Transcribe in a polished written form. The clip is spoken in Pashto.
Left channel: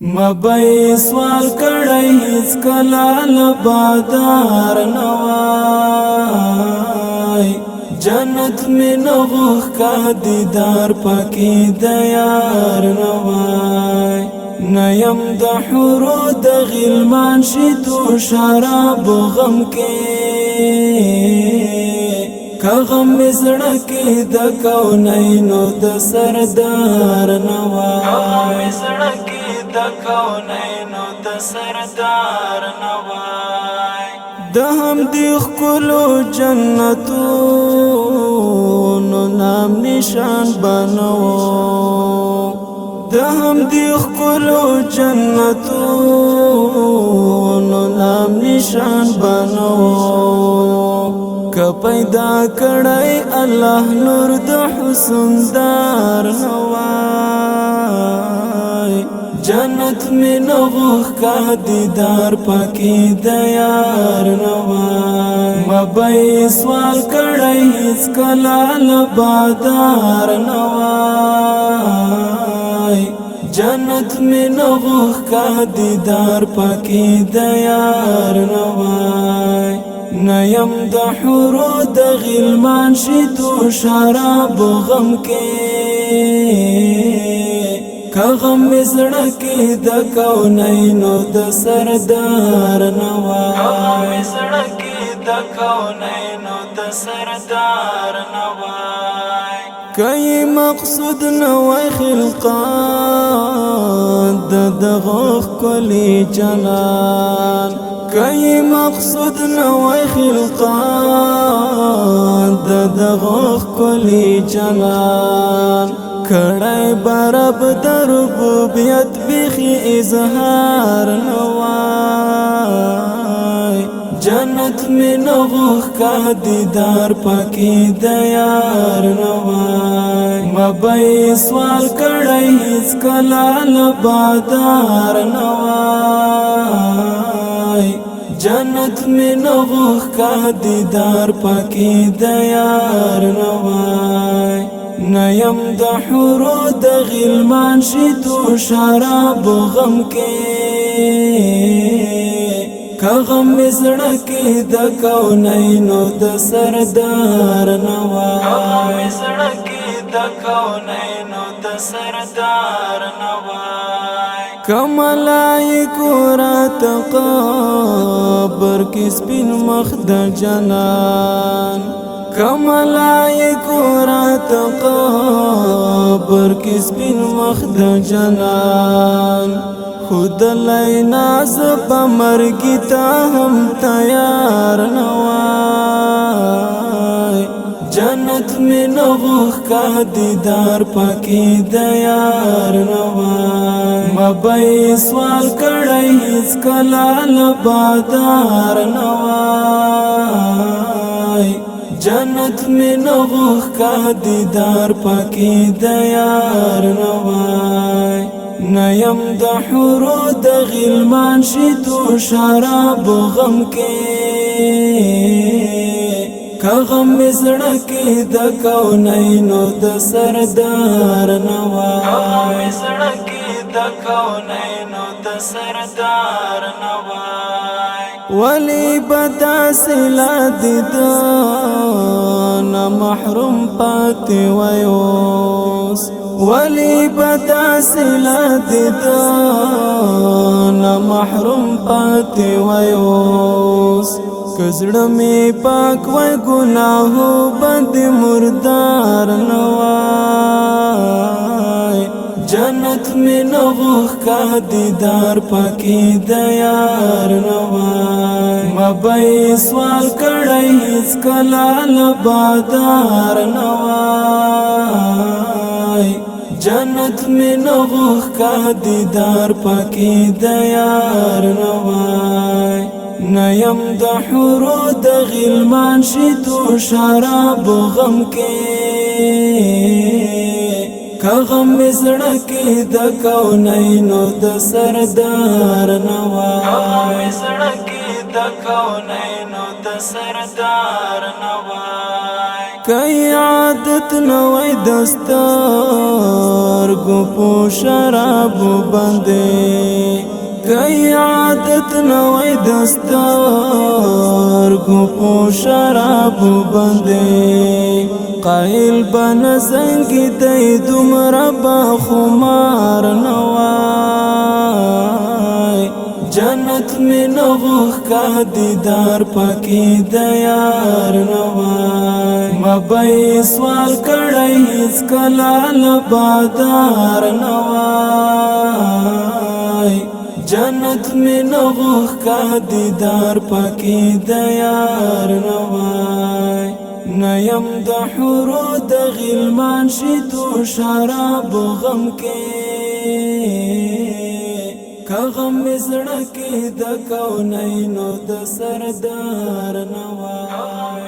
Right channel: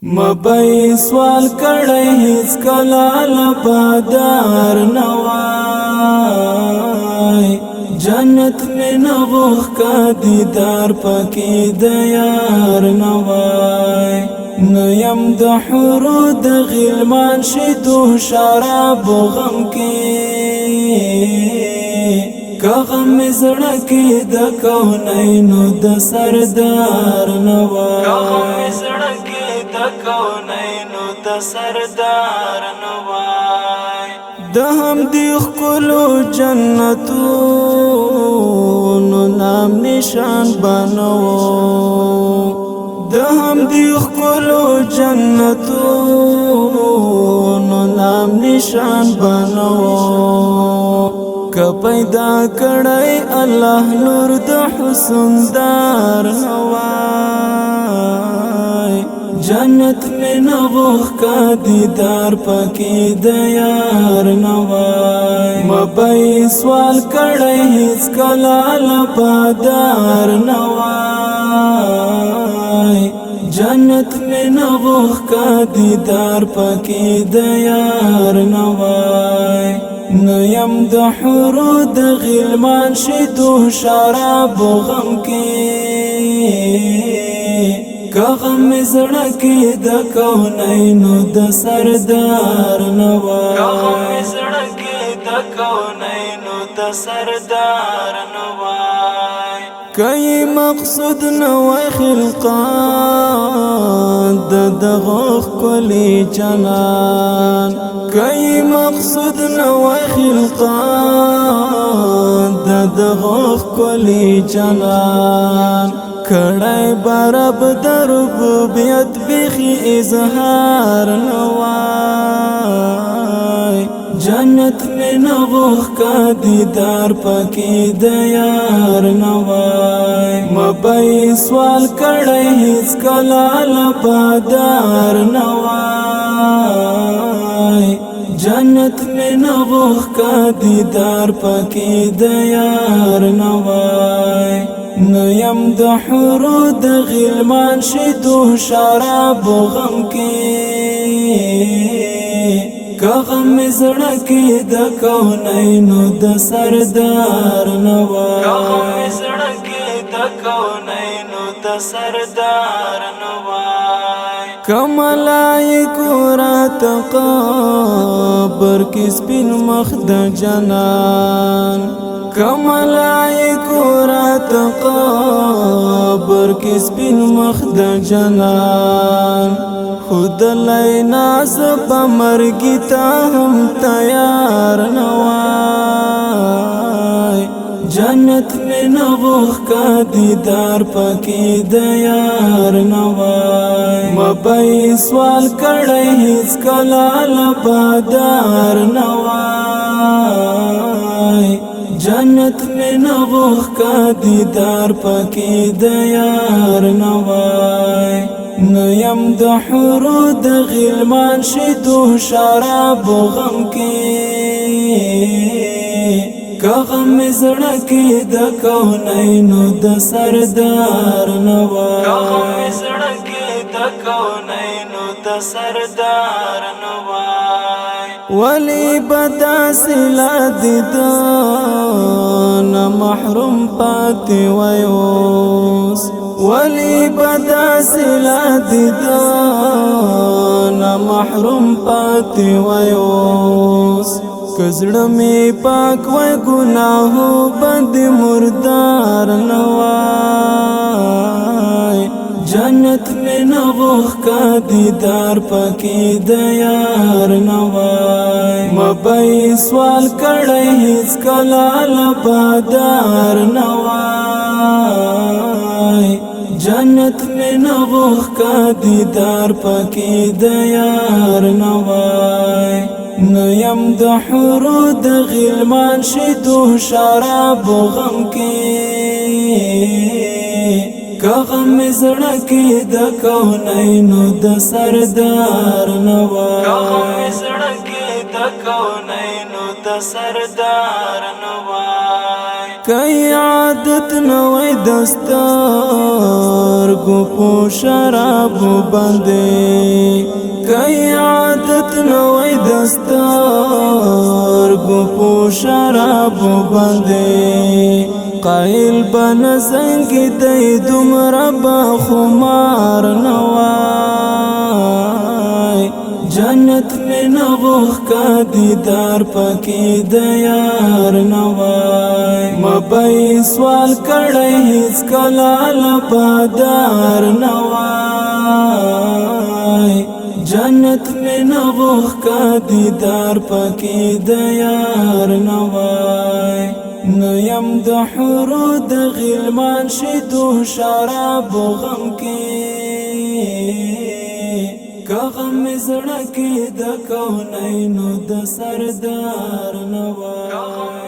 مبئی سوال کړی هیڅ کله لبادار نوای جنت میں نوخ کا دیدار پاکی دیار نوای نیم د حورو د غلمان شیدو شراب غم کې کا غم زړکی د کونینو د سردار نوای کا غم زړکی د کونینو د سردار نوای د هم دی خلو جنتونو نام نشان بنو د هم دی خلو جنتونو نام نشان بنو که پیدا کړی الله نور د حسن دار نوای جنت میں نوخ کا دیدار پاکی دیار نوای مبئی سوال کړی هیڅ کله لبادار نوای جنت میں نوخ کا دیدار پاکی دیار نوای نیم د حورو د غلمان شیدو شراب غم کې کا غم زړکی د کونینو د سردار نوای کا غم زړکی د کونینو د سردار نوای کای مقصود نوای خلقان د دغه کلی جنان کای مقصود نوای خلقان د دغه کلی جنان کړای برب در ربوبیت بخی اظهار نوای جنت میں نوخ کا دیدار پاکی دیار نوای مبئی سوال کړی هیڅ کله لبادار نوای جنت میں نوخ کا دیدار پاکی دیار نوای نیم د حورو د غلمان شیدو شراب غم کې کا غم زړکی د کونینو د سردار نوای کا غم زړکی د کونینو د سردار نوای کملائکو رات قبر کی سپین مخ د جنان کملائکو رات قبر کی سپین مخ د جنان خود لای ناز بمرگی تا هم تیار نوای جنت میں نوخ کا دیدار پاکی دیار نوای مبئی سوال کړی هیڅ کله لبادار نوای جنت میں نوخ کا دیدار پاکی دیار نوای نیم د حورو د غلمان شیدو شراب غم کې کا غم زړکی د کونینو د سردار نوای کا غم زړکی د کونینو د سردار نوای ولی بدا سلا دیدان محروم پاتی ویوس ولی بدا سلا دیدان محروم پاتی ویوس کزړه می پاک وای گناهو بند مردار نوای جنت میں نوخ کا دیدار پاکی دیار نوای مبئی سوال کړی هیڅ کله لبادار نوای جنت میں نوخ کا دیدار پاکی دیار نوای نیم د حورو د غلمان شیدو شراب غم کې کا غم زړکی د کونینو د سردار نوای کا غم زړکی د کونینو د سردار نوای کئی عادت نوی دستار گو پو شراب بندے کئی عادت نوی دستار گو پو شراب بندے قائل بن زنگی دی دمرا با خمار نوائی جنت میں نوخ کا دیدار پاکی دیار نوائی مبئی سوال کڑائی اس کلال بادار نوائی جنت میں نوخ کا دیدار پاکی دیار نوائی نیم د حورو د غلمان شیدو شراب غم کے کا غم زړکی د کونینو د سردار نوائی